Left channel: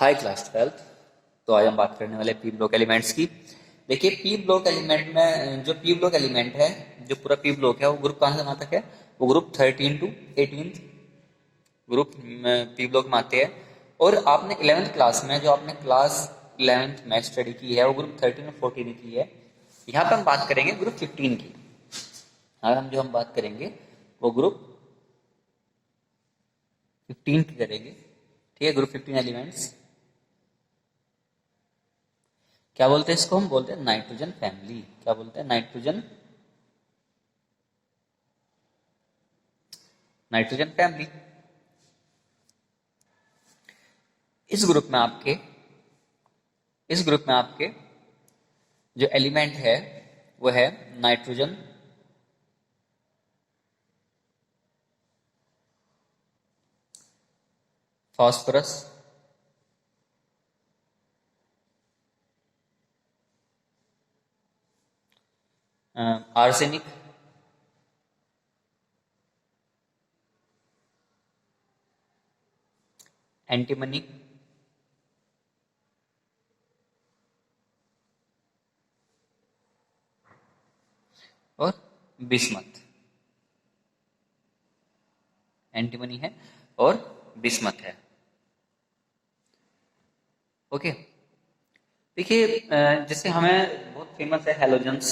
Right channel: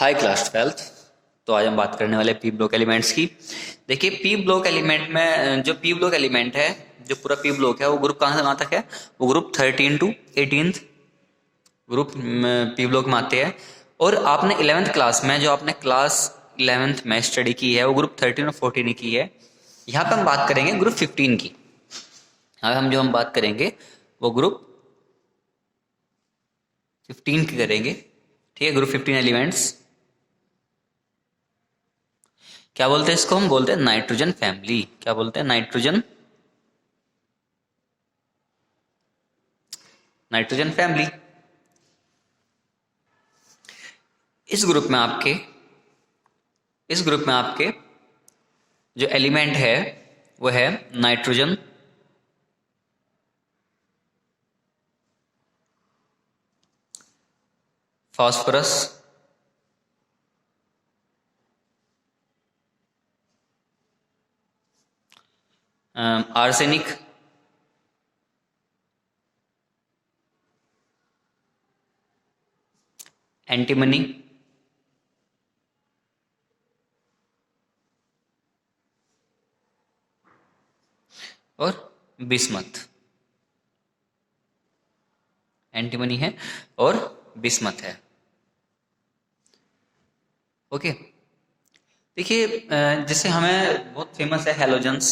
High class twelfth. तो आज हम बात करने वाले पी ब्लॉक एलिमेंट्स की। देखिए पी ब्लॉक एलिमेंट में जो पी ब्लॉक एलिमेंट है, जो पूरा पी ब्लॉक है वो ग्रुप कहाँ से कहाँ तक है? वो group 13 to 18 group P block में आते हैं। और आपने 11th क्लास में जो आपने क्लास 11th में स्टडी की है वो ग्रुप 13 और 14 की है। यहाँ पे हम बात करेंगे ग्रुप 15 की। यहाँ हम बात करेंगे वो ग्रुप 15 की करेंगे। ठीक है, ग्रुप 15 एलिमेंट्स क्या बोलते हैं? इसको हम बोलते हैं नाइट्रोजन फैमिली। क्या बोलते हैं? Nitrogen family. इस ग्रुप में आपके इस ग्रुप में आपके जो एलिमेंट है वो है नाइट्रोजन, फास्फोरस, आर्सेनिक, एंटीमनी और बिस्मथ। एंटीमनी है और बिस्मथ है। ओके। देखिए जैसे हमें बहुत फेमस है हेलोजेंस।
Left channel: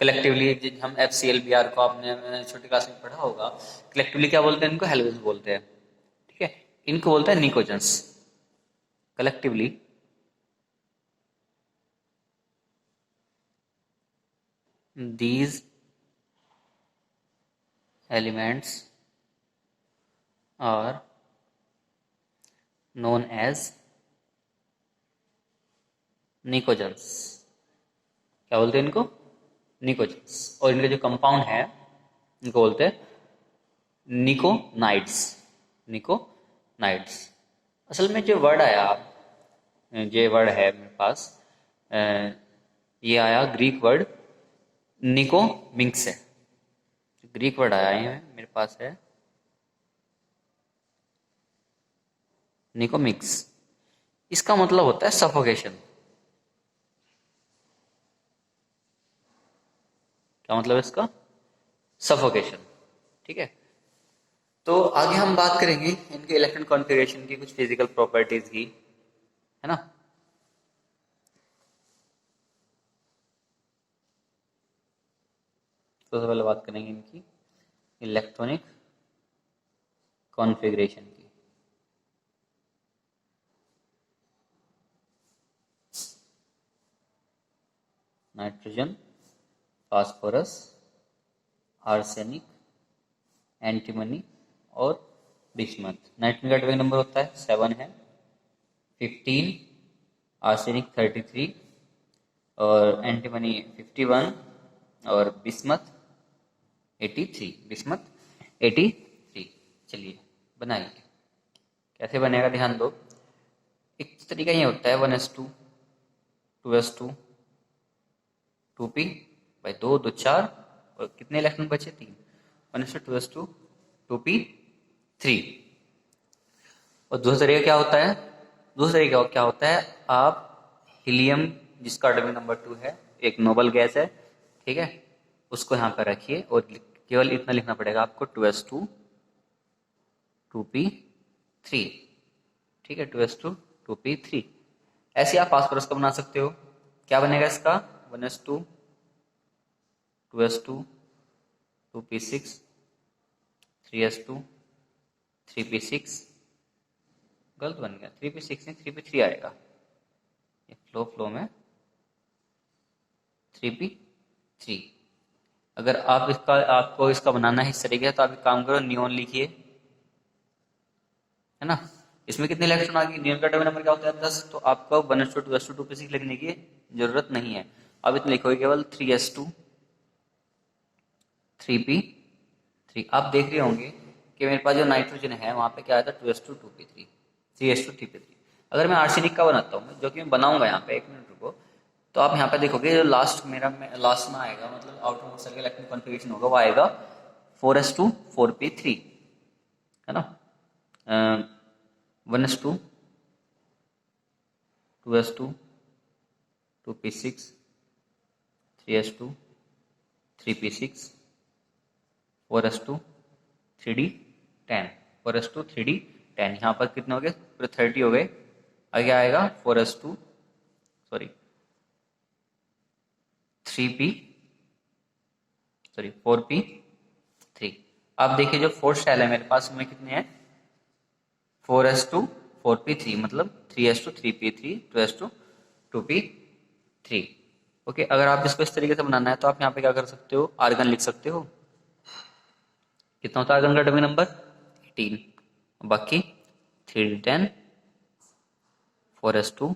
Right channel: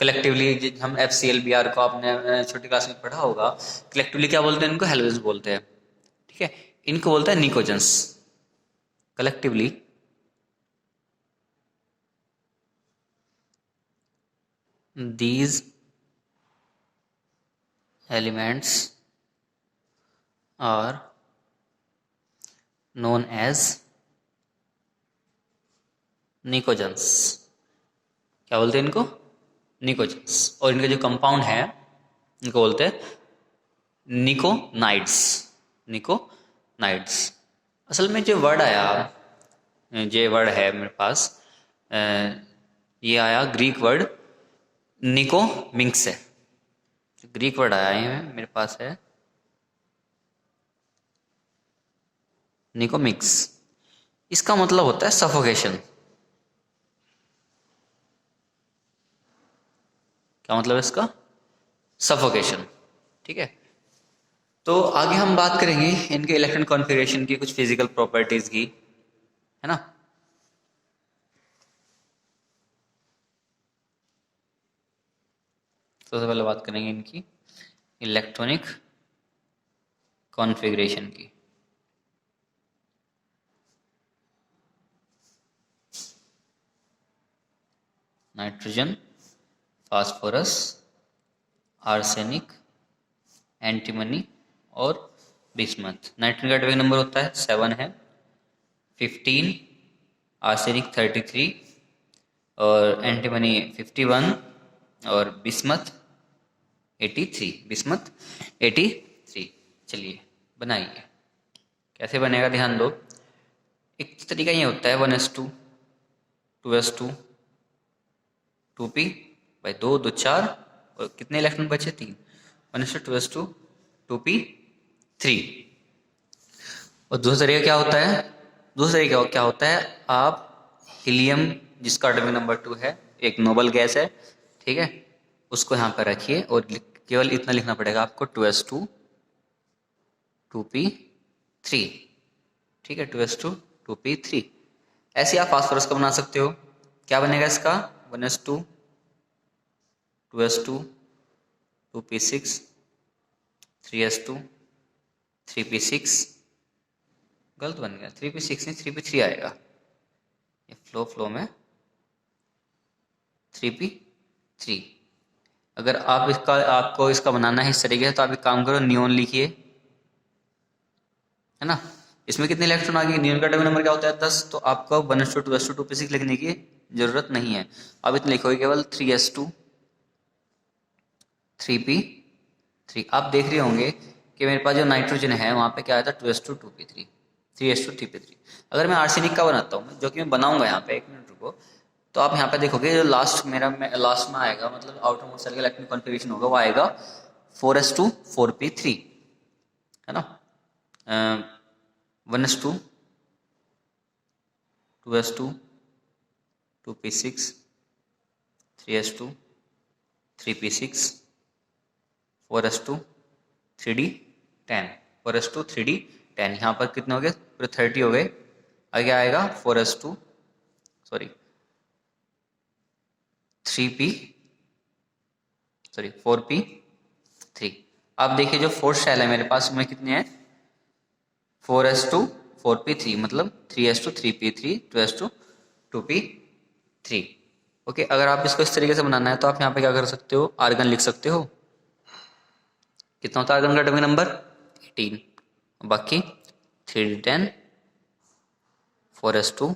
कलेक्टिवली हम FCl Br को आपने छोटी क्लास में पढ़ा होगा। कलेक्टिवली क्या बोलते हैं? इनको हेलोजेंस बोलते हैं। ठीक है, इनको बोलते हैं pnictogens. Collectively these elements are known as pnictogens. क्या बोलते हैं इनको? निकोजेंस। और इनके जो कंपाउंड है इनको बोलते हैं निकोनाइड्स। निकोनाइड्स। असल में जो वर्ड आया, जो वर्ड है मेरे पास, अ, ये आया ग्रीक वर्ड निकोमिंग से। ग्रीक वर्ड आया है मेरे पास है निकोमिक्स। इसका मतलब होता है सफोकेशन। क्या मतलब है इसका? सफोकेशन। ठीक है, तो आगे हम बात करेंगे इनके इलेक्ट्रॉन कॉन्फ़िगरेशन की, कुछ फिजिकल प्रॉपर्टीज की, है ना। तो सबसे पहले बात करेंगे इनकी इलेक्ट्रॉनिक कॉन्फ़िगरेशन की। नाइट्रोजन, फास्फोरस, आर्सेनिक, एंटीमनी और बिस्मथ। नाइट्रोजन का एटॉमिक नंबर होता है 7 है, 15, आर्सेनिक 33 और एंटीमनी 51 और बिस्मथ 83। बिस्मथ 83। चलिए बनाइए। कैसे बनेगा ध्यान दो। एक तरीका ये होता है 1s2, 2s2, 2p भाई 2 2 4 और कितने इलेक्ट्रॉन बचे? 3। 1s2, 2s2, 2p 3। और दूसरा तरीका क्या होता है? दूसरा तरीका क्या होता है? आप हीलियम, जिसका एटॉमिक नंबर 2 है, एक नोबल गैस है, ठीक है, उसको यहाँ पर रखिए और केवल इतना लिखना पड़ेगा आपको 2s2, 2p3। ठीक है, 2s2, 2p3। ऐसे आप फास्फोरस का बना सकते हो। क्या बनेगा इसका? 1s2, 2s2, 2p6, 3s2, 3p6। गलत बन गया, 3p6 नहीं 3p3 आएगा। ये फ्लो में 3p3। अगर आपको इसका बनाना है इस तरीके से, तो आप एक काम करो, नियोन लिखिए, है ना। इसमें कितने इलेक्ट्रॉन आ गए? नियोन का एटॉमिक नंबर क्या होता है? 10। तो आपको 1s2, 2s2, 2p6 लिखने की जरूरत नहीं है। अब इतने लिखोगे केवल 3s2, 3p3। आप देख रहे होंगे कि मेरे पास जो नाइट्रोजन है वहां पे क्या आया था? 2s2, 2p3, 3s2, 3p3। अगर मैं आर्सेनिक का बनाता हूँ, जो कि मैं बनाऊंगा यहाँ पे, एक मिनट रुको, तो आप यहाँ पे देखोगे जो लास्ट लास्ट में आएगा, मतलब आउटर मोस्ट सेल का इलेक्ट्रॉन कॉन्फ़िगरेशन होगा, वो आएगा 4s2, 4p3, है ना। 1s2, 2s2, 2p6, 3s2, 3p6, 4s2, 3d10, 4s2, 3d10। यहाँ पर कितने हो गए? पूरे 30 हो गए। आगे आएगा 4s2, सॉरी 4p3। अब देखिए जो फोर्थ शेल है मेरे पास में कितने हैं? 4s2, 4p3, मतलब 3s2, 3p3, 2s2, 2p3। Okay, अगर आप इसको इस तरीके से बनाना है तो आप यहाँ पे क्या कर सकते हो? आर्गन लिख सकते हो। कितना होता है आर्गन का एटॉमिक नंबर? 18। बाकी 3d10, 4s2,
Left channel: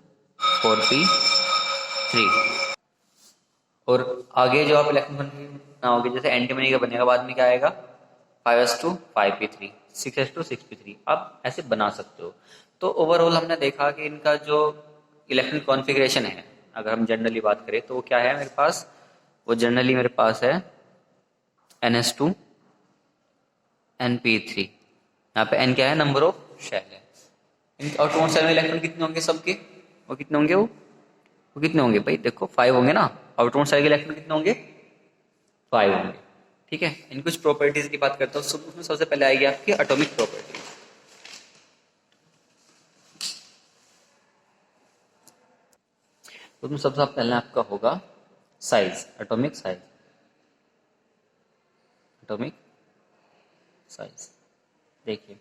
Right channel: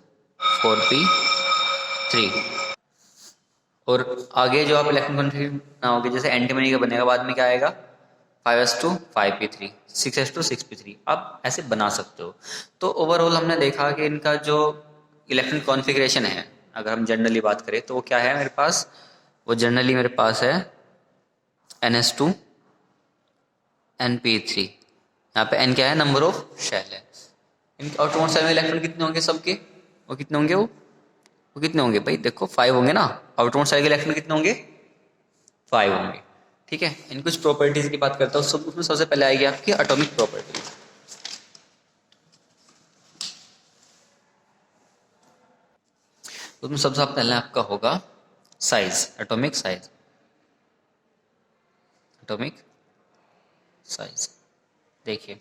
4p3। और आगे जो आप इलेक्ट्रॉन कॉन्फिगरेशन बनाओगे, जैसे एंटीमनी का बनेगा, बाद में क्या आएगा? 5s2, 5p3, 6s2, 6p3। आप ऐसे बना सकते हो। तो ओवरऑल हमने देखा कि इनका जो इलेक्ट्रॉन कॉन्फ़िगरेशन है, अगर हम जनरली बात करें तो वो क्या है मेरे पास? वो जनरली मेरे पास है ns2, np3। यहाँ पे n क्या है? नंबर ऑफ शेल है। आउटरमोस्ट शेल में इलेक्ट्रॉन कितने होंगे सबके? वो कितने होंगे? वो कितने होंगे भाई? देखो 5 होंगे ना। आउटरमोस्ट शेल के इलेक्ट्रॉन कितने होंगे? 5 होंगे। ठीक है, इन कुछ प्रॉपर्टीज की बात करता हूँ। सब उसमें सबसे पहले आएगी आपकी एटॉमिक प्रॉपर्टी। उसमें सबसे पहले आपका होगा size, atomic size. Atomic size देखिए,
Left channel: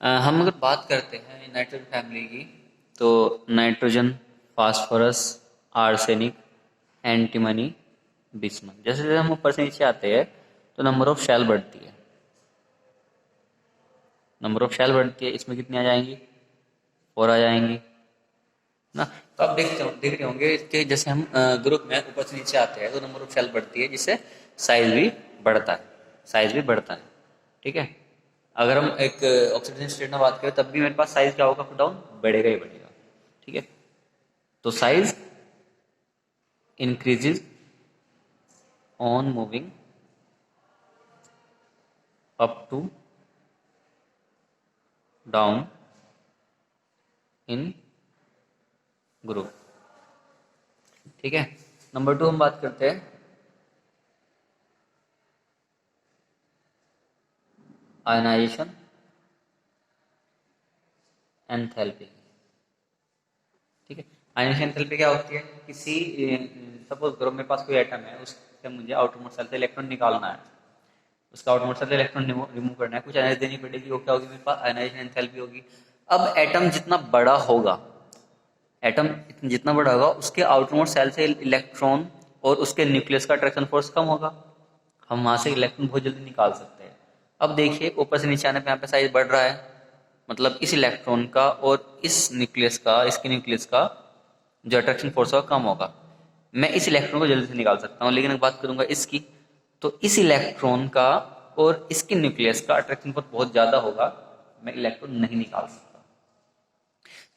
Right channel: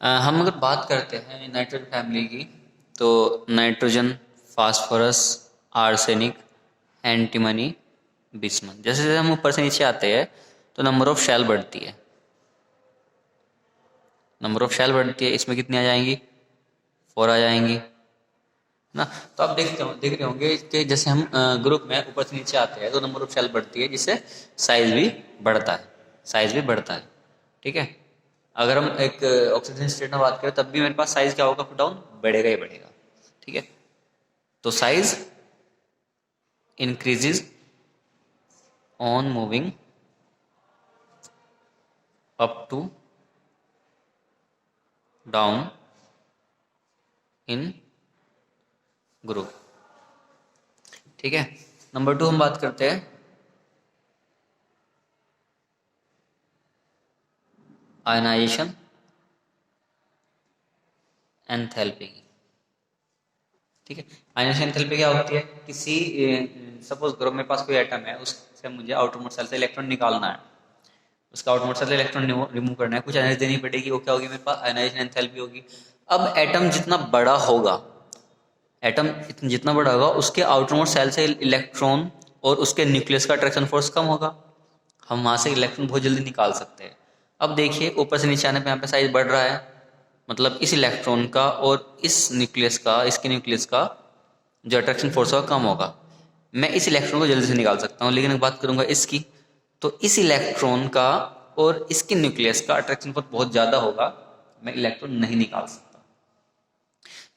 हम अगर बात करते हैं नाइट्रोजन फैमिली की, तो nitrogen, phosphorus, arsenic, antimony, bismuth. जैसे जैसे हम ऊपर से नीचे आते हैं तो नंबर ऑफ शेल बढ़ती है। नंबर ऑफ शेल बढ़ती है। इसमें कितनी आ जाएंगी? 4 आ जाएंगी ना। तो आप देख रहे होंगे कि जैसे हम ग्रुप में ऊपर से नीचे आते हैं तो नंबर ऑफ शेल बढ़ती है, जिससे साइज भी बढ़ता है। साइज भी बढ़ता है। ठीक है, अगर हम एक ऑक्सीडेशन स्टेट में बात करें तब भी मेरे पास साइज क्या होगा? अप डाउन बढ़ेगा ही बढ़ेगा। ठीक है, तो size increases on moving up to down in group. ठीक है, नंबर 2 हम बात करते हैं आयनाइजेशन एंथैल्पी की। ठीक है, आयनाइजेशन एंथैल्पी क्या होती है? किसी सपोज ग्रुप में पास कोई एटम है, उससे मुझे आउटरमोस्ट शेल से इलेक्ट्रॉन निकालना है। उसका आउटमोस्ट शेल से इलेक्ट्रॉन रिमूव करना है, कुछ एनर्जी देनी पड़ेगी। वो क्या होगी मेरे पास? आयनाइजेशन एंथैल्पी होगी। अब एटम जितना बड़ा होगा, एटम जितना बड़ा होगा, उसके आउटरमोस्ट शेल से इलेक्ट्रॉन और उसके न्यूक्लियस का अट्रैक्शन फोर्स कम होगा। हम वहां से इलेक्ट्रॉन बहुत जल्दी निकाल सकते हैं। अब देखिए ऊपर से नीचे आने पे यहाँ पे साइज बढ़ रहा है, मतलब इस इलेक्ट्रॉन का और इस न्यूक्लियस का, इसके न्यूक्लियस का जो अट्रैक्शन फोर्स होगा कम होगा। मैं इस इलेक्ट्रॉन को जल्दी से निकाल सकता हूँ। लेकिन बात करूंगा इसकी, तो इस इलेक्ट्रॉन का और इसके न्यूक्लियस का अट्रैक्शन फोर्स बहुत ज्यादा होगा। मैं इलेक्ट्रॉन नहीं निकाल सकता,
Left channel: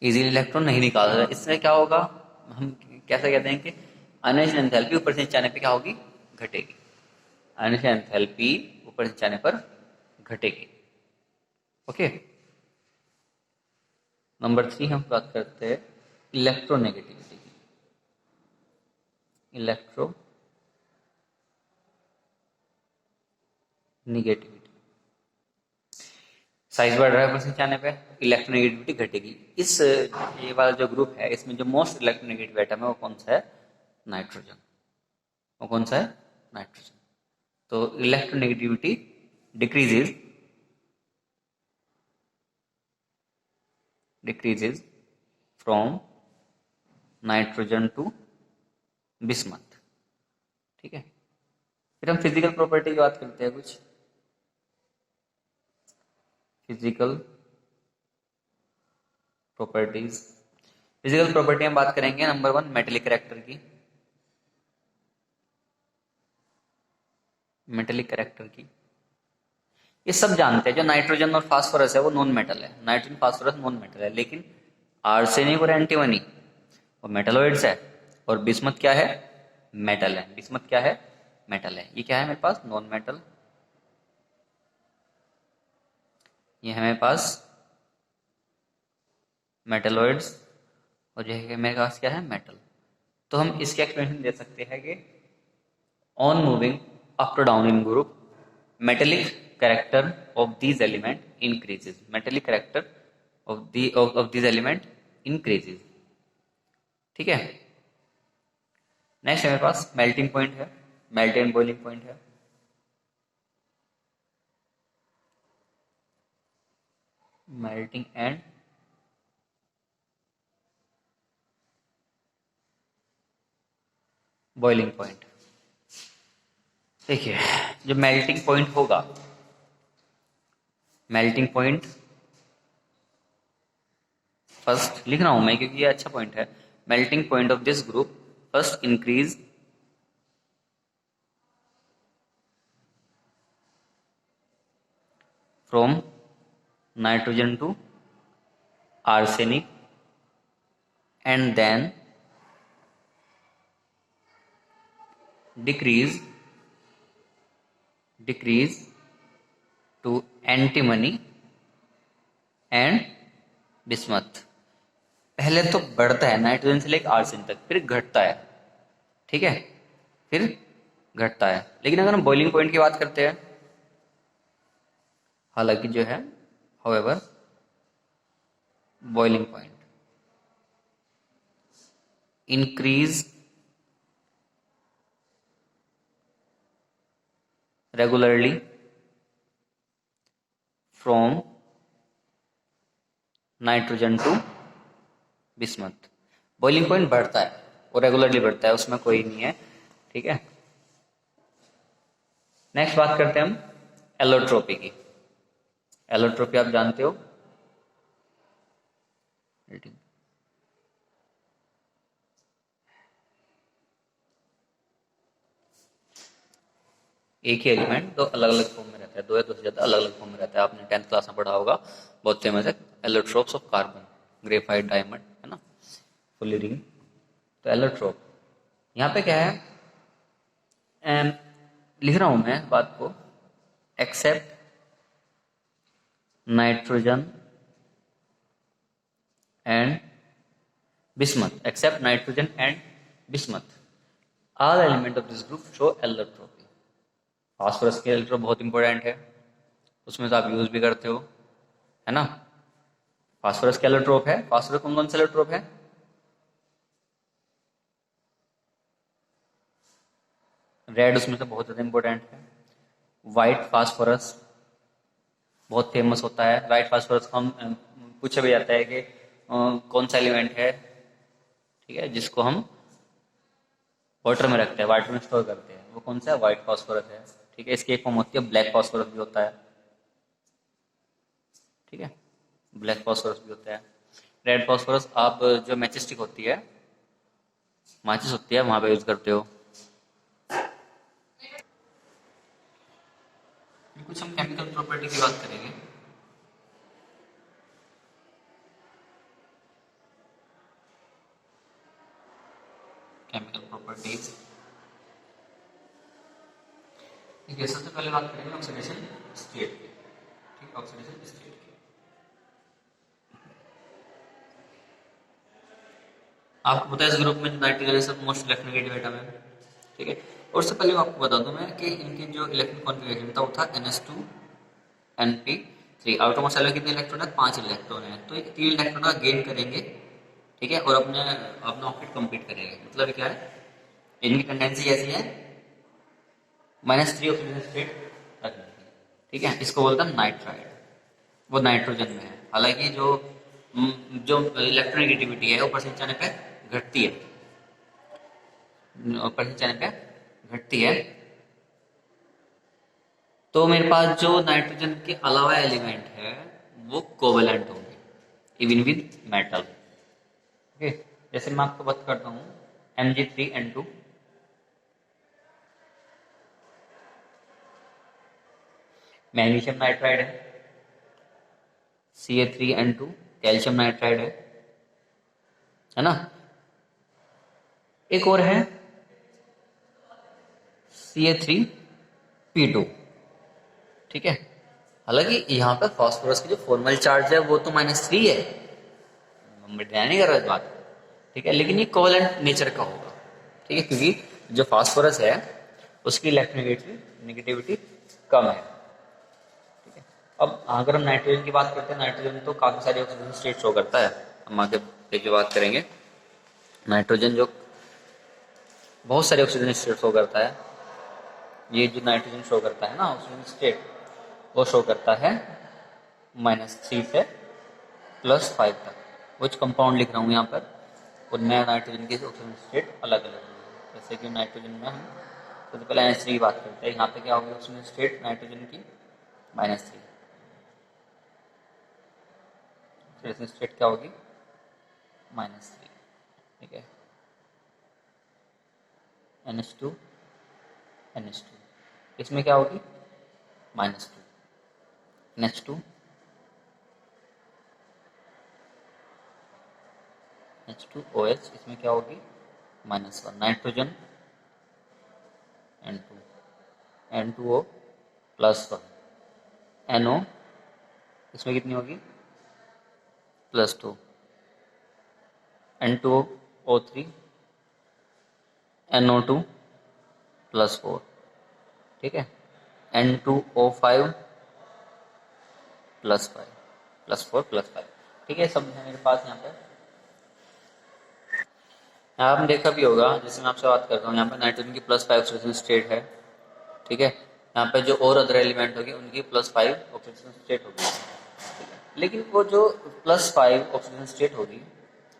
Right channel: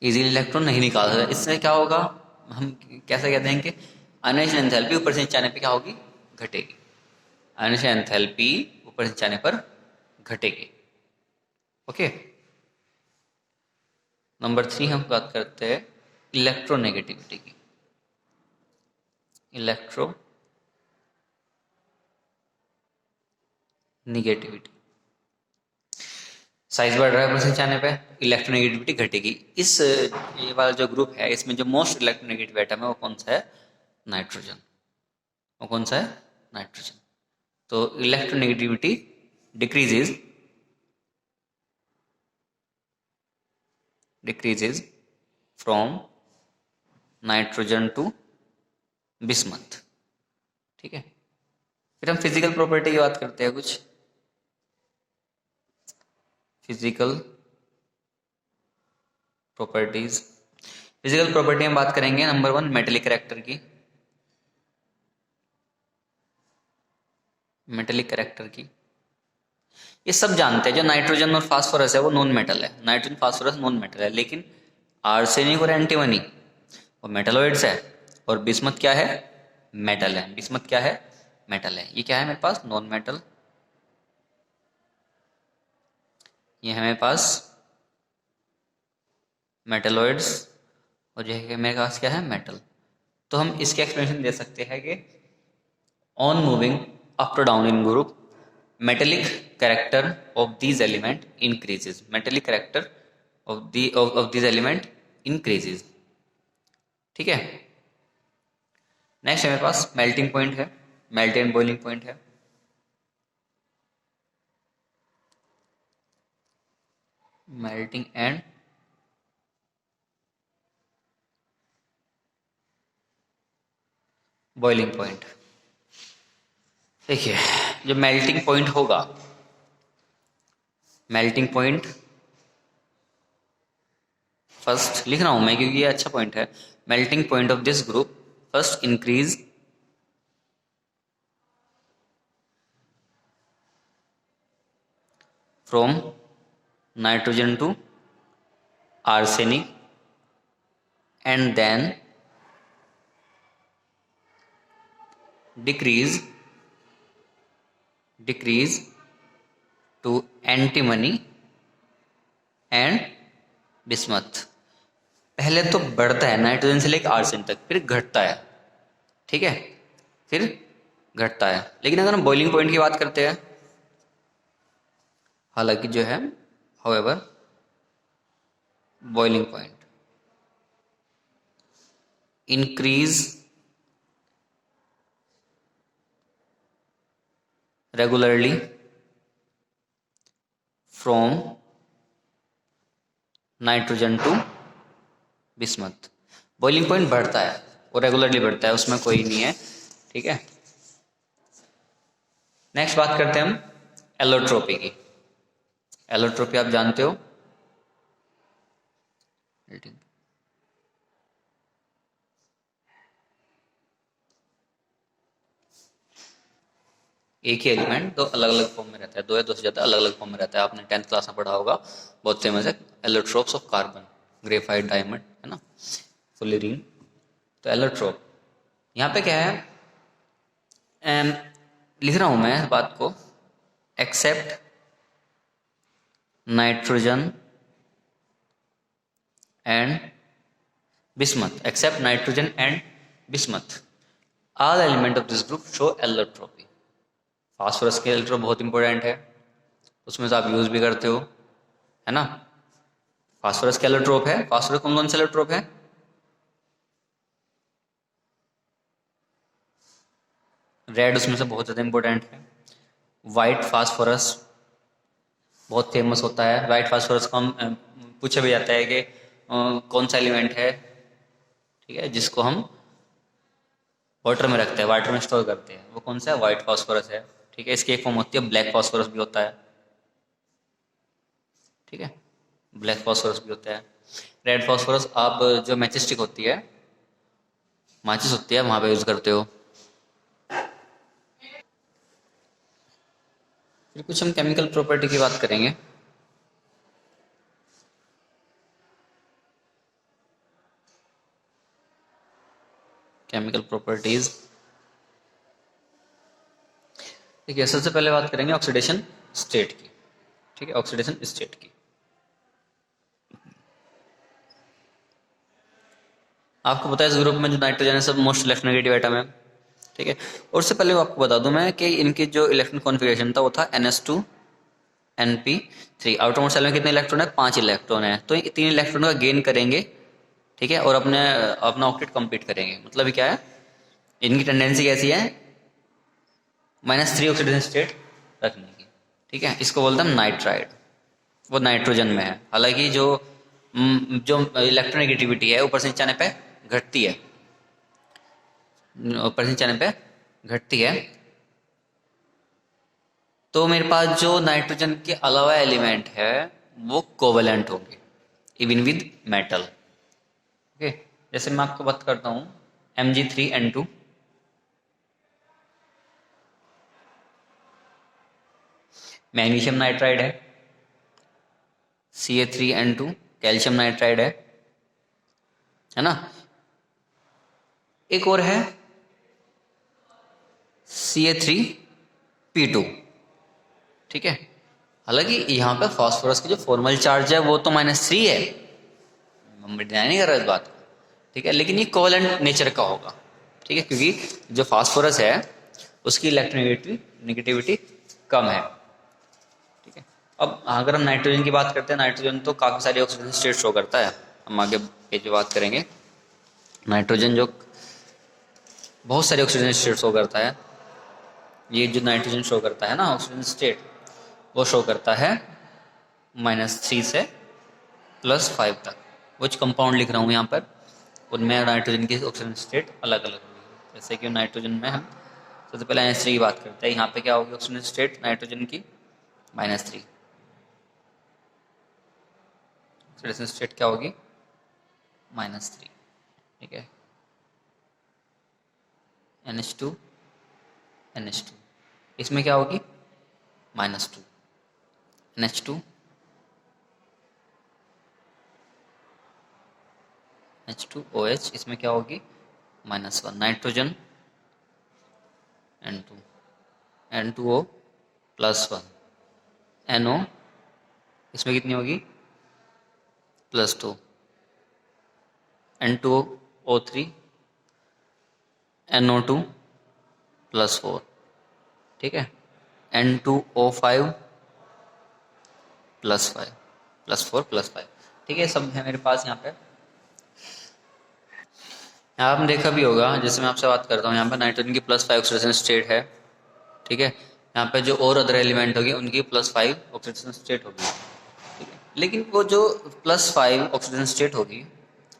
इजीली इलेक्ट्रॉन नहीं निकाल सकता। इससे क्या होगा? हम कैसे कहते हैं कि आयनाइजेशन एंथैल्पी ऊपर से नीचे आने पर क्या होगी? घटेगी। आयनाइजेशन एंथैल्पी ऊपर से नीचे आने पर घटेगी। ओके, नंबर 3 हम बात करते हैं इलेक्ट्रोनेगेटिविटी की। इलेक्ट्रो निगेटिविटी, साइज बढ़ रहा है ऊपर से नीचे आने पे, इलेक्ट्रोनेगेटिविटी घटेगी। इस ये वाला जो ग्रुप है, इसमें जो मोस्ट इलेक्ट्रोनेगेटिव एटम है वो कौन सा है? नाइट्रोजन। वो कौन सा है? नाइट्रोजन। तो electronegativity decreases from nitrogen to bismuth. ठीक है, फिर हम फिजिकल प्रॉपर्टी की बात करते हैं कुछ। फिजिकल प्रॉपर्टीज, फिजिकल प्रॉपर्टी में बात करेंगे नंबर 1 मेटेलिक कैरेक्टर की। मेटेलिक कैरेक्टर की ये सब जानते हैं। जो नाइट्रोजन और फास्फोरस है वो नॉन मेटल है। नाइट्रोजन फास्फोरस नॉन मेटल है, लेकिन आर्सेनिक और एंटीमनी वो मेटलॉइड्स है। और बिस्मथ क्या है? मेटल है। बिस्मथ क्या है? मेटल है। ये क्या है मेरे पास? Non metal. ये है मेरे पास मेटलॉइड्स और जो है मेरे पास क्या है, मेटल। तो हम इसके एक्सप्लेनेशन दे सकते हैं कि on moving up to down in group metallic character of these element increases, metallic character of these element increases. ठीक है। नेक्स्ट हमारे पास मेल्टिंग पॉइंट है, मेल्ट एंड बॉइलिंग पॉइंट है। Melting and boiling point. देखिए, जो मेल्टिंग पॉइंट होगा, melting point first लिख रहा हूं मैं क्योंकि ये अच्छा पॉइंट है। Melting point of this group first increase from nitrogen to arsenic and then decrease to antimony and bismuth। पहले तो बढ़ता है नाइट्रोजन से लेकर आर्सेन तक, फिर घटता है। ठीक है, फिर घटता है। लेकिन अगर हम बॉइलिंग पॉइंट की बात करते हैं, हालांकि जो है however boiling point increase regularly from nitrogen to bismuth. Boiling point बढ़ता है और रेगुलरली बढ़ता है, उसमें कोई नहीं है। ठीक है। नेक्स्ट बात करते हैं हम एलोट्रोपी की। एलोट्रोपी आप जानते हो, एक ही एलिमेंट दो अलग अलग फॉर्म में रहता है, दो या दो से ज्यादा अलग अलग फॉर्म में रहता है। आपने 10th क्लास में पढ़ा होगा, बहुत फेमस है, allotropes of carbon, graphite, diamond, है ना, फुलरिन। तो एलोट्रोप यहाँ पे क्या है, लिख रहा हूं मैं इस बात को, except nitrogen and bismuth, except nitrogen and bismuth, all element of this group show allotropy। Phosphorus के एलोट्रोप बहुत इंपॉर्टेंट है, उसमें से आप यूज भी करते हो, है ना। फास्फोरस का एलोट्रोप है, फास्फोरस कौन कौन सा एलोट्रोप है, रेड उसमें से बहुत ज़्यादा इंपॉर्टेंट है। वाइट फास्फोरस बहुत फेमस होता है। वाइट फास्फोरस को हम पूछा भी जाता है कि कौन सा एलिमेंट है, ठीक है, जिसको हम वाटर में रखते हैं, वाटर में स्टोर करते हैं, वो कौन सा है, वाइट फास्फोरस है। ठीक है। इसकी एक फॉर्म होती है ब्लैक फास्फोरस भी होता है। ठीक है, ब्लैक फास्फोरस भी होता है। रेड फास्फोरस आप जो मैचिस्टिक होती है, माचिस होती है, वहां पे यूज करते हो। फिर कुछ हम केमिकल प्रॉपर्टी की बात करेंगे। केमिकल प्रॉपर्टीज, देखिए सबसे पहले बात करेंगे ऑक्सीडेशन स्टेट की। ठीक है, ऑक्सीडेशन स्टेट की। आपको पता है इस ग्रुप में जो नाइट्रोजन है सब मोस्ट इलेक्ट्रोनेगेटिव एटम है। ठीक है। और उससे पहले आपको बता दूं मैं कि इनकी जो इलेक्ट्रॉन कॉन्फ़िगरेशन था वो था NS2 NP3। आउटरमोस्ट शेल में कितने इलेक्ट्रॉन है, 5 इलेक्ट्रॉन है। तो ये 3 इलेक्ट्रॉन का गेन करेंगे, ठीक है, और अपने अपना ऑक्टेट कंप्लीट करेंगे। मतलब क्या है, इनकी टेंडेंसी कैसी है, -3 ऑक्सीडेशन स्टेट रखने की। ठीक है, इसको बोलते हैं नाइट्राइड। वो नाइट्रोजन में है। हालांकि जो इलेक्ट्रोनेगेटिविटी है ऊपर से नीचे आने पे घटती है, ऊपर से नीचे आने पे घटती है। तो मेरे पास जो नाइट्रोजन के अलावा एलिमेंट है वो कोवेलेंट होंगे, इवन विद मेटल। ओके, जैसे मैं आपको बात करता हूँ Mg3N2, मैग्नीशियम नाइट्राइड है। Ca3N2 कैल्शियम नाइट्राइड है ना। एक और है Ca3P2। ठीक है। हालांकि यहाँ पे फास्फोरस की जो फॉर्मल चार्ज है वो तो -3 है, हम ध्यान नहीं कर रहे इस बात को। ठीक है, लेकिन ये कोवेलेंट नेचर का होगा। ठीक है, क्योंकि जो फास्फोरस है उसकी इलेक्ट्रोनेगेटिविटी कम है। ठीक है, अब अगर हम नाइट्रोजन की बात करते हैं, नाइट्रोजन तो काफ़ी सारी ऑक्सीजन स्टेट शो करता है, हम आगे पेज पे बात करेंगे। नाइट्रोजन जो बहुत सारे ऑक्सीजन स्टेट शो करता है, ये जो नाइट्रोजन शो करता है ना ऑक्सीजन स्टेट, वो शो करता है -3 से +5 तक। कुछ कंपाउंड लिख रहा हूँ यहाँ पर, उनमें नाइट्रोजन की ऑक्सीजन स्टेट अलग अलग होगी। जैसे कि नाइट्रोजन में हम सबसे पहले NH3 की बात करते हैं, यहाँ पे क्या होगी ऑक्सीजन स्टेट नाइट्रोजन की -3। ऑक्सीडेशन स्टेट क्या होगी -3। ठीक है, NH2 NH2, इसमें क्या होगी -2, NH2 H2OH, इसमें क्या होगी -1। नाइट्रोजन N2 N2O +1, NO इसमें कितनी होगी +2, N2O3 NO2 +4। ठीक है, N2O5 +5 +4 +5। ठीक है, सब है मेरे पास यहाँ पे। यहाँ आपने देखा भी होगा, जैसे मैं आपसे बात करता हूँ, यहाँ पर नाइट्रोजन की +5 ऑक्सीडेशन स्टेट है। ठीक है, यहाँ पे जो और अदर एलिमेंट होगी उनकी +5 ऑक्सीडेशन स्टेट होगी। ठीक है, लेकिन वो जो +5 ऑक्सीडेशन स्टेट होगी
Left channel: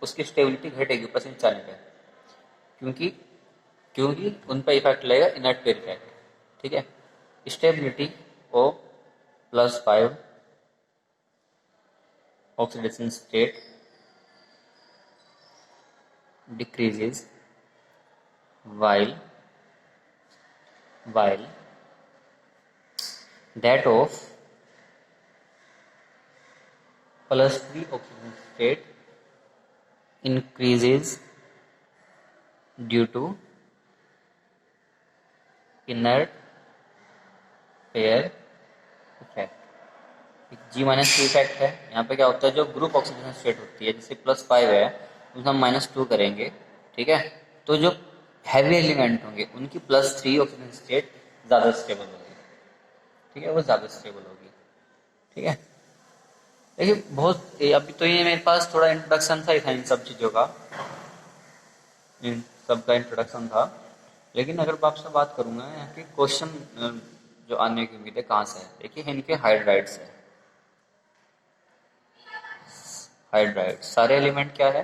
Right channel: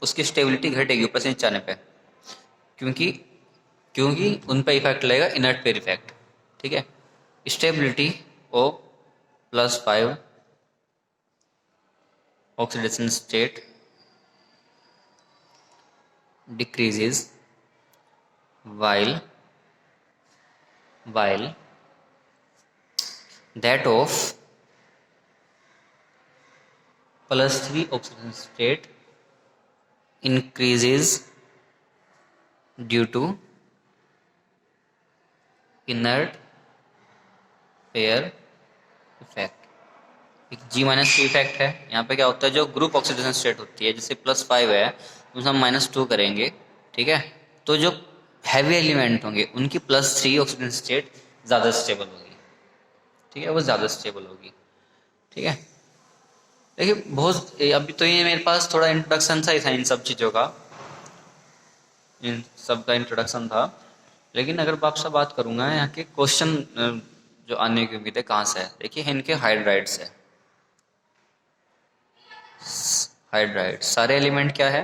उसकी स्टेबिलिटी घटेगी ऊपर से नीचे आने पे, क्योंकि क्योंकि उन पर इफेक्ट लगेगा इनर्ट पेयर इफेक्ट। ठीक है, stability O +5 oxidation state decreases while that of +3 oxidation state increases due to inert pair effect। एक G-2 इफेक्ट है। यहाँ पे क्या होता है, जो ग्रुप ऑक्सीडेशन स्टेट होती है, जैसे +5 है तो हम -2 करेंगे। ठीक है, तो जो हैवी एलिमेंट होंगे उनकी +3 ऑक्सीडेशन स्टेट ज़्यादा स्टेबल होगी। ठीक है, वो ज़्यादा स्टेबल होगी। ठीक है, देखिए अभी तो ये मेरे पास थोड़ा इंट्रोडक्शन सा ही था इन सब चीज़ों का, इन सब का इंट्रोडक्शन था। लेकिन अगर आपसे बात करूँगा यहाँ के क्वेश्चन जो आने की उम्मीद है कहाँ से है, देखिए इनके हाइड्राइड्स है। हाइड्राइड सारे एलिमेंट क्या है,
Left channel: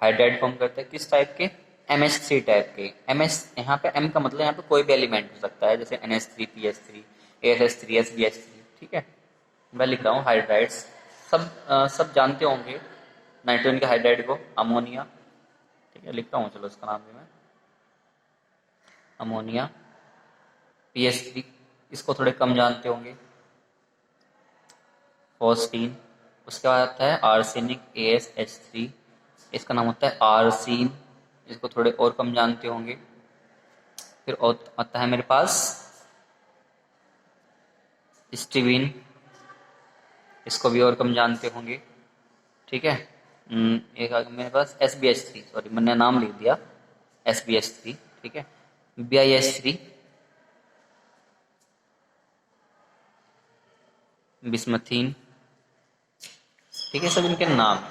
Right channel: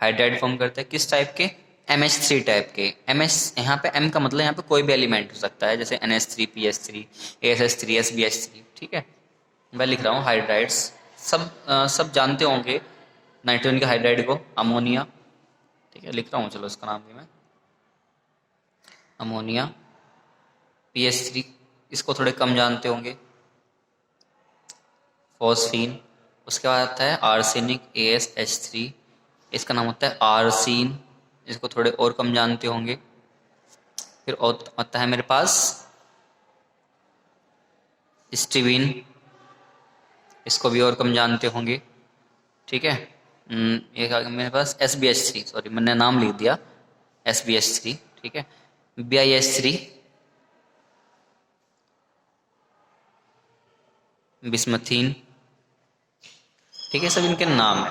हाइड्राइड फॉर्म करते हैं। किस टाइप के, MH3 टाइप के। MS यहाँ पे M का मतलब यहाँ पे कोई भी एलिमेंट हो सकता है, जैसे NH3 PH3 ASH3 SBH3। ठीक है, मैं लिख रहा हूँ हाइड्राइड्स। सब जानते होंगे नाइट्रोजन के हाइड्राइड को, अमोनिया। ठीक है, लिख रहा हूँ, चलो इसका नाम भी मैं अमोनिया। PH3 इसको थोड़े कम जानते होंगे, फॉस्फीन। उसके बाद आता है आर्सेनिक AsH3, इसका नाम होता है आर्सीन, इसको थोड़े और कम जानते होंगे। फिर आता है मेरे पास स्टीविन, इसको भी और कम जानते होंगे। ठीक है, एक आ गया मेरे पास SbH3, सॉरी मैंने नाम लिख दिया SbH3। ठीक है, BiH3, बिस्मथीन। ठीक है, सब इनके नाम है।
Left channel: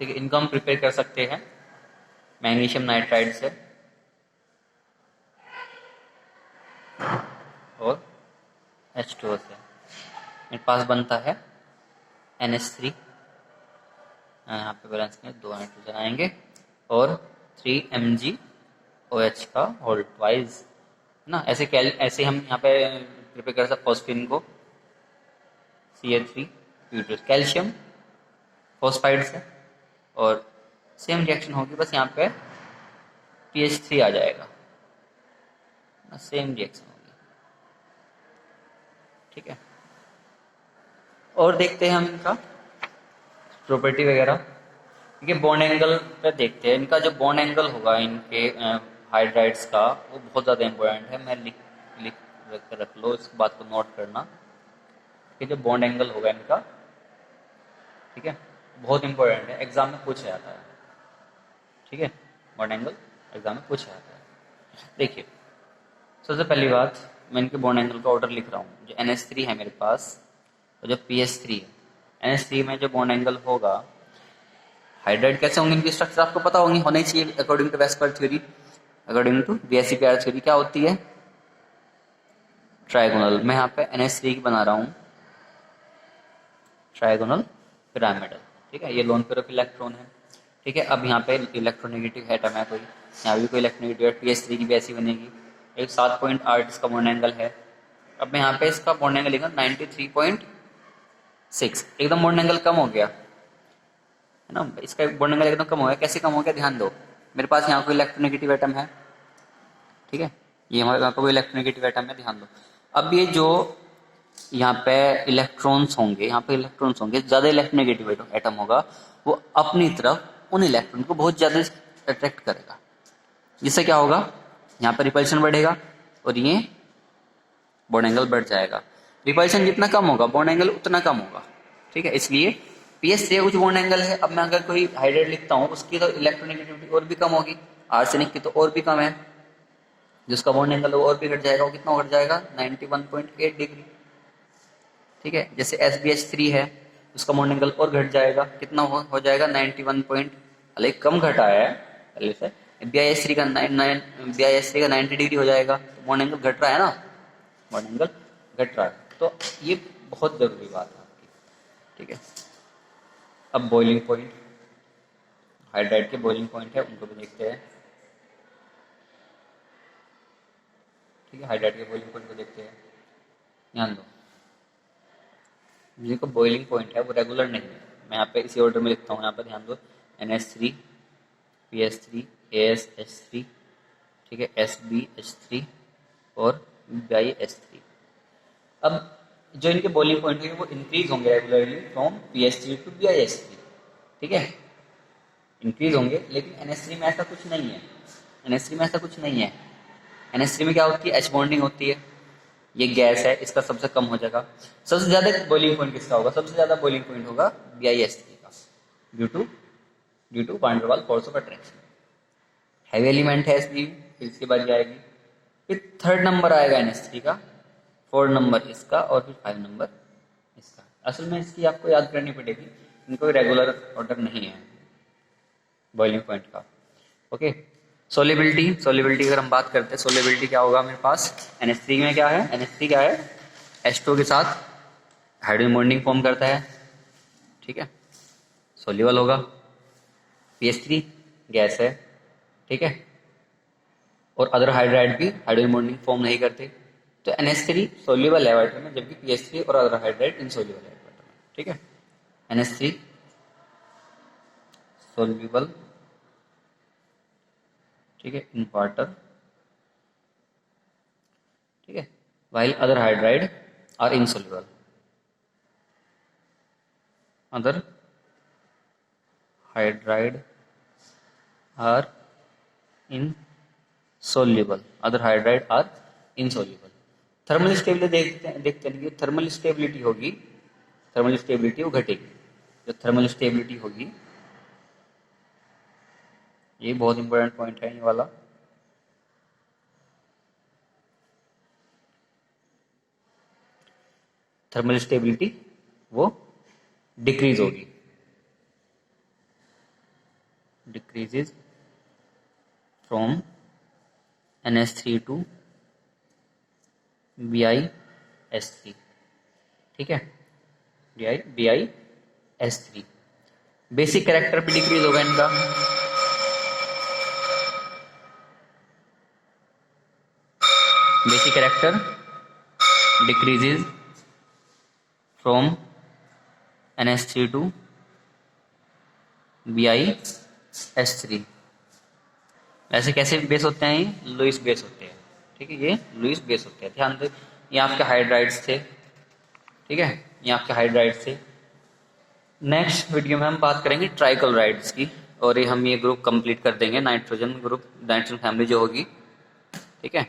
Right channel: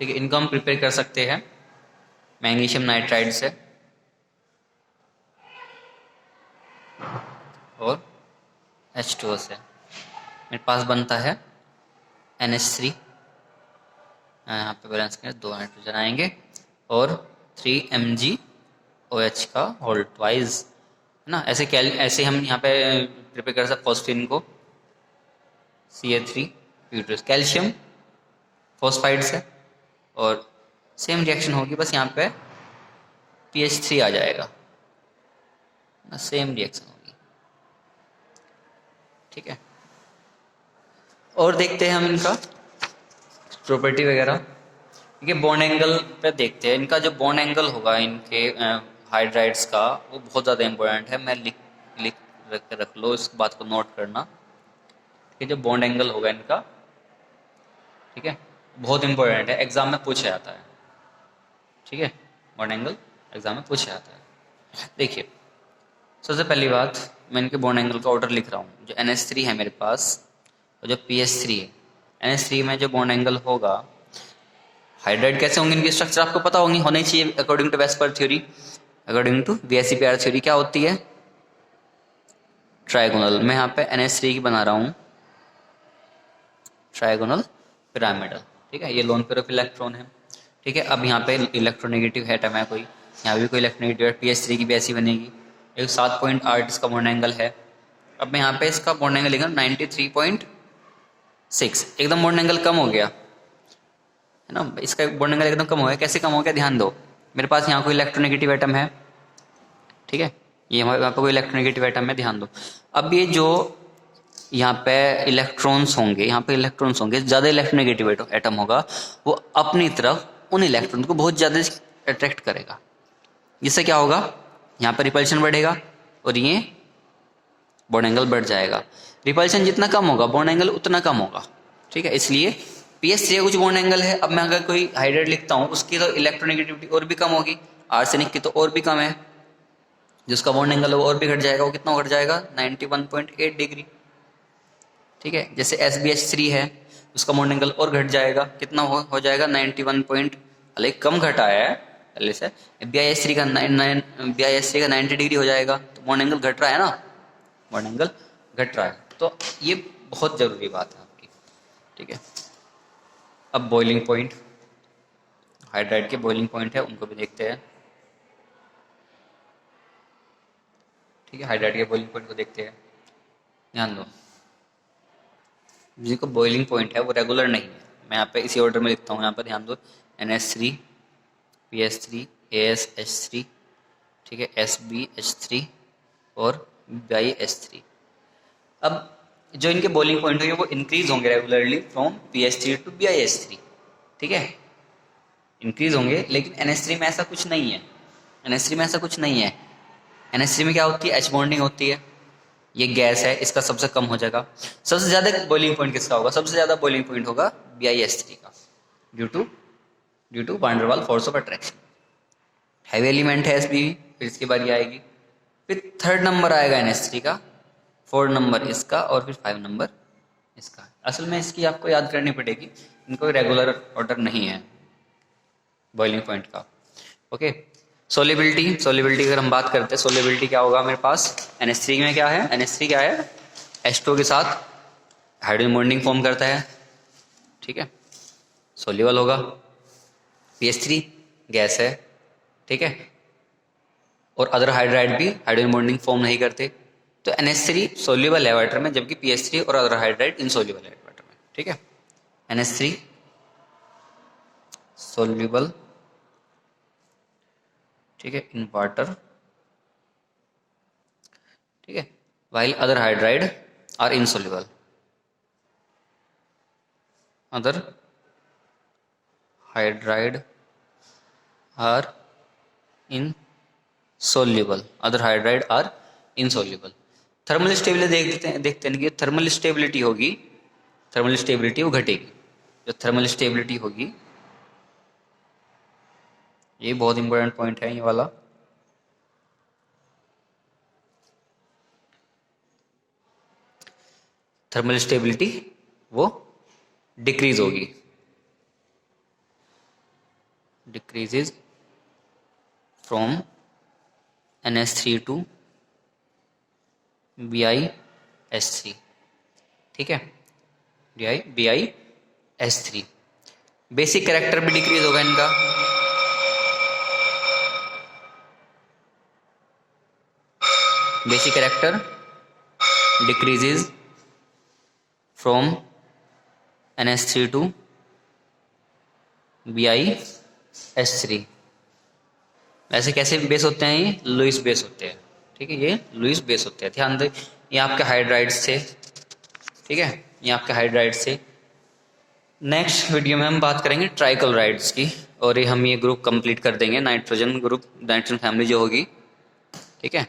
ठीक है, इनको हम प्रिपेयर कर सकते हैं मैग्नीशियम नाइट्राइड से और H2O से। मेरे पास बनता है NH3, यहाँ पे बैलेंस करें, 2 नाइट्रोजन आएंगे और 3 MgOH का होल ट्वाइस, है ना। ऐसे हम यहाँ पे प्रिपेयर कर सकते फॉस्फीन को, Ca3 ब्यूटेस, कैल्शियम फॉस्फाइड से, और सेम रिएक्शन होगी, बस यहाँ पे PH3 आ जाएगा ना, सेम रिएक्शन होगी। ठीक है, और देखते हैं हम इनका प्रॉपर्टी वगैरह। ठीक है, बॉन्ड एंगल पे देखते हैं। इनका जो बॉन्ड एंगल होगा इनके हाइड्राइड्स का, वो बहुत ज़्यादा इंपॉर्टेंट है। मैं लिख रख लो, इस बात को नोट करना। ठीक है, जो बॉन्ड एंगल होगा इनका, ठीक है, बहुत इंपॉर्टेंट है, एग्जाम में पूछा जाता है। ठीक है, बॉन्ड एंगल एग्जाम में पूछा जाता है। देखिए सबसे पहली बात, मैं इनके बॉन्ड एंगल का ऑर्डर लिख रहा हूँ। जो NH3 है मेरे पास और जो PS3 है, NH3 में जो बॉन्ड एंगल होगा, हाइड्राइड कैसे होंगे इनकी स्ट्रक्चर आपको पता होनी चाहिए according to VSEPR theory. According to VSEPR theory क्या होती है, ट्राइगोनल। मैं यहाँ पे NH3 की बना रहा हूँ ट्राइगोनल पिरामिडल, ठीक है। ये लोन पेयर ऑफ इलेक्ट्रॉन है, ठीक है। अब यहाँ पे इलेक्ट्रोनेगेटिव एटम है कोई, यहाँ भी कोई इलेक्ट्रोनेगेटिव है, PS3 की भी ऐसी बनेगी। एक 7.8 इसका बॉन्ड एंगल है। अब मैं यहाँ पे इसका बॉन्ड एंगल लिखा 93.6, एकदम बॉन्ड एंगल कम हो गया है ना, इसका बॉन्ड एंगल एकदम कम हो गया। कैसे कम हो गया, ध्यान दो। मेरे पास यहाँ कोई इलेक्ट्रोनेगेटिव एटम है, ठीक है, ये हमारे यहाँ पे कोई इलेक्ट्रोनेगेटिव एटम है, ध्यान दो। अब ये जो यहाँ पे इलेक्ट्रॉन्स होंगे, यहाँ पे इलेक्ट्रॉन्स होंगे, ज़्यादा इलेक्ट्रोनेगेटिव एटम होगा, वो अपनी तरफ उन इलेक्ट्रॉन को बहुत ज़्यादा अट्रैक्ट करेगा। जिससे क्या होगा, यहाँ पे रिपल्शन बढ़ेगा और ये बॉन्ड एंगल बढ़ जाएगा। रिपल्शन जितना कम होगा बॉन्ड एंगल उतना कम होगा, ठीक है। इसलिए PS3 का कुछ बॉन्ड एंगल है। अब मैं अगर कोई हाइड्राइड लिखता हूँ, उसकी तो इलेक्ट्रोनेगेटिविटी और भी कम होगी, आर्सेनिक की तो और भी कम है, जिसका बॉन्ड एंगल वो और भी घट जाएगा। वो कितना घट जाएगा, 91.8 डिग्री, ठीक है। जैसे SbH3 है, उसका बॉन्ड एंगल और घट जाएगा, कितना हो जाएगा 91 पॉइंट, हालांकि कम घटा है पहले से। BiH3 का 90 डिग्री हो जाएगा, तो बॉन्ड एंगल घट रहा है ना, बॉन्ड एंगल घट रहा है। तो ये बहुत जरूरी बात है आपकी, ठीक है। अब बॉइलिंग पॉइंट, हाइड्राइड के बॉइलिंग पॉइंट है, उनको भी देखते हैं, ठीक है। हाइड्राइड के बॉइलिंग पॉइंट को देखते हैं, ध्यान दो। जिनको बॉइलिंग पॉइंट है वो रेगुलर नहीं है। मैं यहाँ पे इसी ऑर्डर में लिखता हूँ, यहाँ पर ध्यान दो, NH3, PS3, ASH3, ठीक है, SbH3 और BiH3। अब जो इनके बॉइलिंग पॉइंट होंगे वो इंक्रीज होंगे regularly from PS3 to BiH3, ठीक है, इंक्रीज होंगे। लेकिन NH3 में ऐसा कुछ नहीं है, NH3 में ऐसा कुछ नहीं है। NH3 में क्या होती है, H बॉन्डिंग होती है, ये गैस है, इसका सबसे कम हो जाएगा। सबसे ज्यादा बॉइलिंग पॉइंट किसका होगा, सबसे ज्यादा बॉइलिंग पॉइंट होगा BiH3 का, due to van der Waals force of attraction. Heavy element है Sb, फिर इसकी बारी आएगी, फिर 3rd नंबर आएगा NH3 का, 4 नंबर इसका और फिर 5 नंबर इसका। असल में इसकी आपको याद करनी पड़ेगी, इनको रेगुलर ऑर्डर नहीं है बॉइलिंग पॉइंट का, ओके। सोलिबिलिटी अगर हम बात करते हैं, सोलिबिलिटी क्या होगा मेरे पास, NH3 में क्या है, NH3 क्या है, H2 के साथ हाइड्रोजन बॉन्डिंग फॉर्म करता है, ठीक है, सोल्यूबल होगा। PS3 गैस है, ठीक है, और अदर हाइड्राइड भी हाइड्रोजन बॉन्डिंग फॉर्म नहीं करते। तो NH3 सोल्यूबल है वाटर में, जबकि PS3 और अदर हाइड्राइड इनसोल्यूबल है वाटर में, ठीक है। NH3 सोल्यूबल, ठीक है, इन वाटर, ठीक है, while other hydride are insoluble, other hydride are insoluble, other hydride are insoluble। Thermal stability देखते हैं कि थर्मल स्टेबिलिटी होगी, थर्मल स्टेबिलिटी वो घटेगी। जो थर्मल स्टेबिलिटी होगी, ये बहुत इंपॉर्टेंट पॉइंट है ये वाला, थर्मल स्टेबिलिटी वो डिक्रीज होगी, decreases from NH3 to BiH3, ठीक है, BiH3। बेसिक कैरेक्टर भी डिक्रीज होगा इनका, basic character decreases from NH3 to BiH3। ऐसे कैसे बेस होते हैं, ये लुईस बेस होते हैं, ठीक है, ये लुईस बेस होते हैं। ध्यान दें, ये आपके हाइड्राइड्स थे, ठीक है, ये आपके हाइड्राइड्स थे। नेक्स्ट वीडियो में हम बात करेंगे ट्राइक्लोराइड्स की, और ये हम ये ग्रुप कंप्लीट कर देंगे, नाइट्रोजन ग्रुप, नाइट्रोजन फैमिली जो होगी, ठीक है।